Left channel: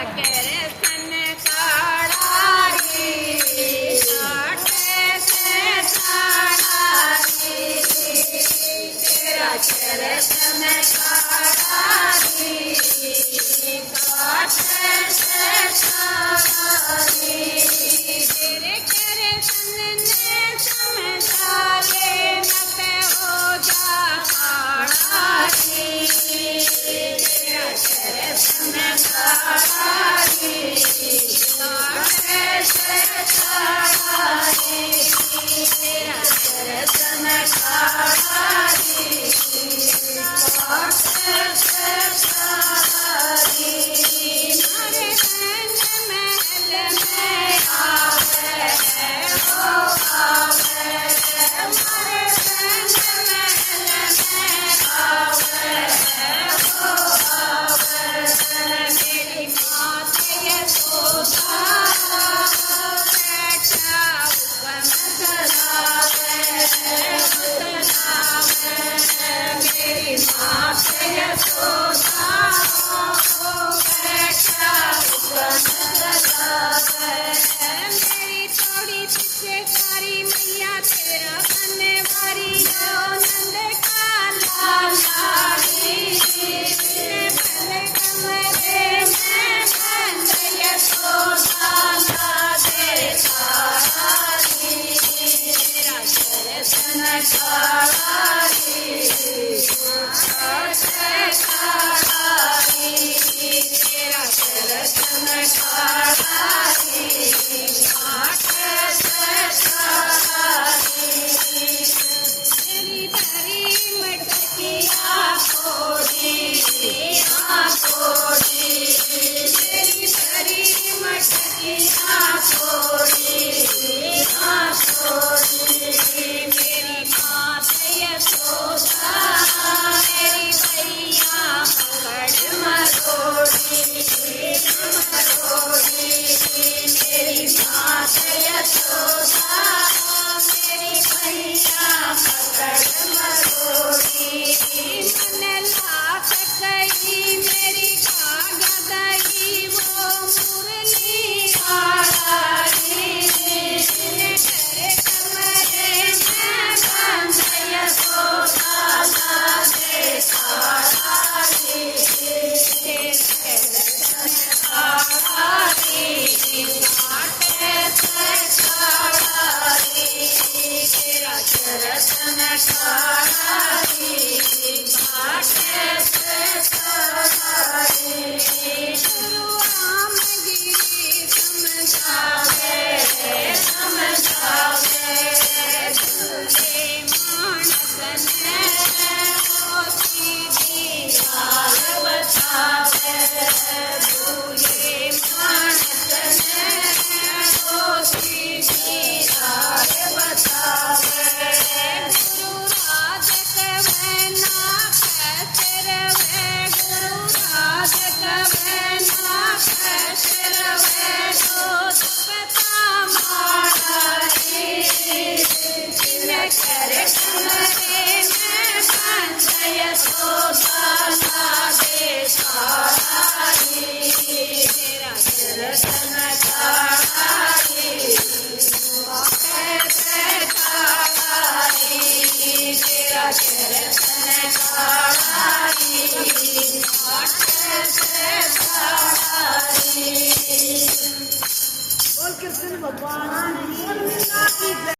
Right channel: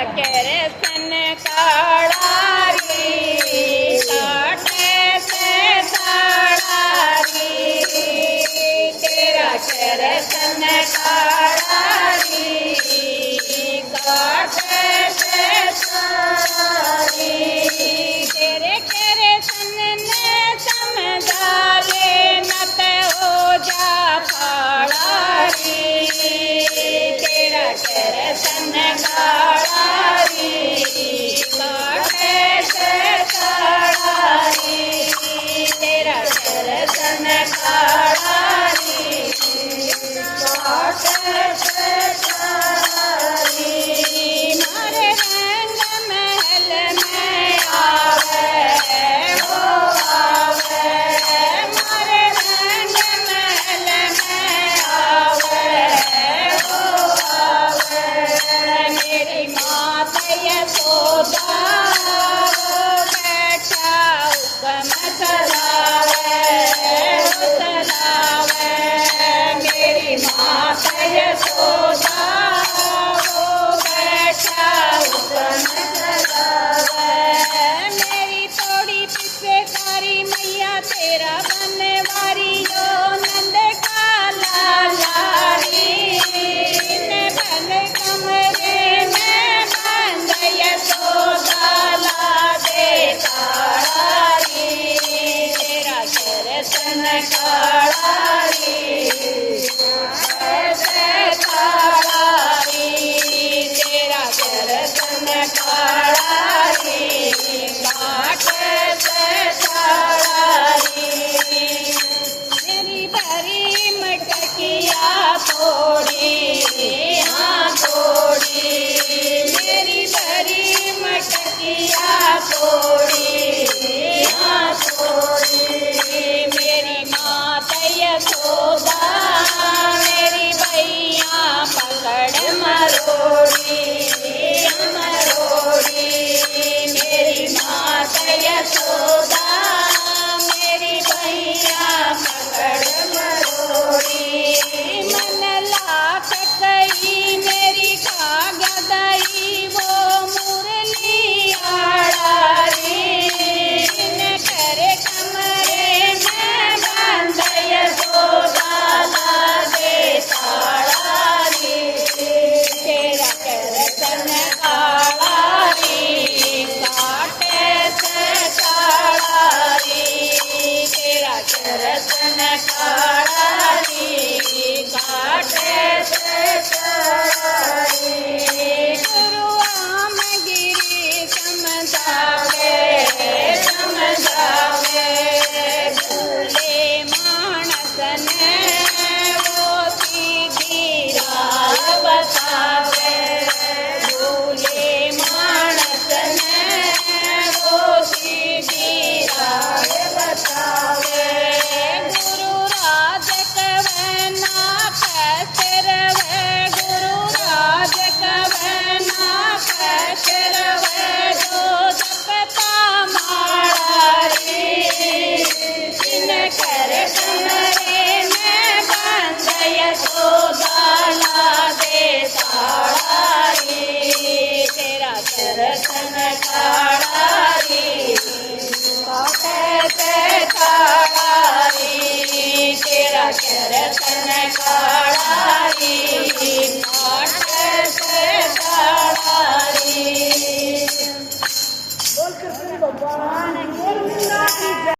तेरा सन काढ़ा रे काटे से साड़ा रे तेरा सन काढ़ा रे काटे से साड़ा रे तेरे सन ने समझा रे नत हो जा पाड़ा रे तेरा सन काढ़ा रे काटे से साड़ा रे तेरा सन काढ़ा रे काटे से साड़ा रे मारे रंग महल में आवे हो आवे मारे रंग महल में आवे हो आवे मेरी मात यशोदा बैठा हुक्म चलावे मेरी मात यशोदा बैठा हुक्म चलावे मेरी थोड़ी पीछे कारी मैया तेरा बनने वारी ओ नंद का लाला रे बन कमरे में बंद यशोदा ला दे तारा रे तेरा सन काढ़ा रे से तारा रे तेरा सन काढ़ा रे काटे से साड़ा रे मेरी भरी मटकिया तोड़ी हाँ तोड़ी मेरी भरी मटकिया तोड़ी हाँ तोड़ी मेरी माता यशोदा मेरी भैया पकड़ मरोड़ी मरोड़ी मेरी माता यशोदा मेरी भैया पकड़ मरोड़ी मन लाख कई मेरी कागदई वो मुरली आड़ा रे करे कमरे में बंद यशोदा ला दे ताड़ा रे तेरा सन काढ़ा रे काटे से साड़ा रे तेरा सन काढ़ा रे काटे से साड़ा रे गुरु आमगिरी समझावे समझावे झूले मानस ने वो सीधी राह बतावे झूले मानस ने वो सीधी राह बतावे गुरु राज कवना कैसे रवे गुरु राज कवना कैसे रवे जो जपता मारा रे जिन कर कमरे में बंद यशोदा ला दे ताड़ा रे तेरा सन काढ़ा रे काटे से साड़ा रे तेरा सन काढ़ा रे काटे से साड़ा रे बोल कृष्ण भगवान की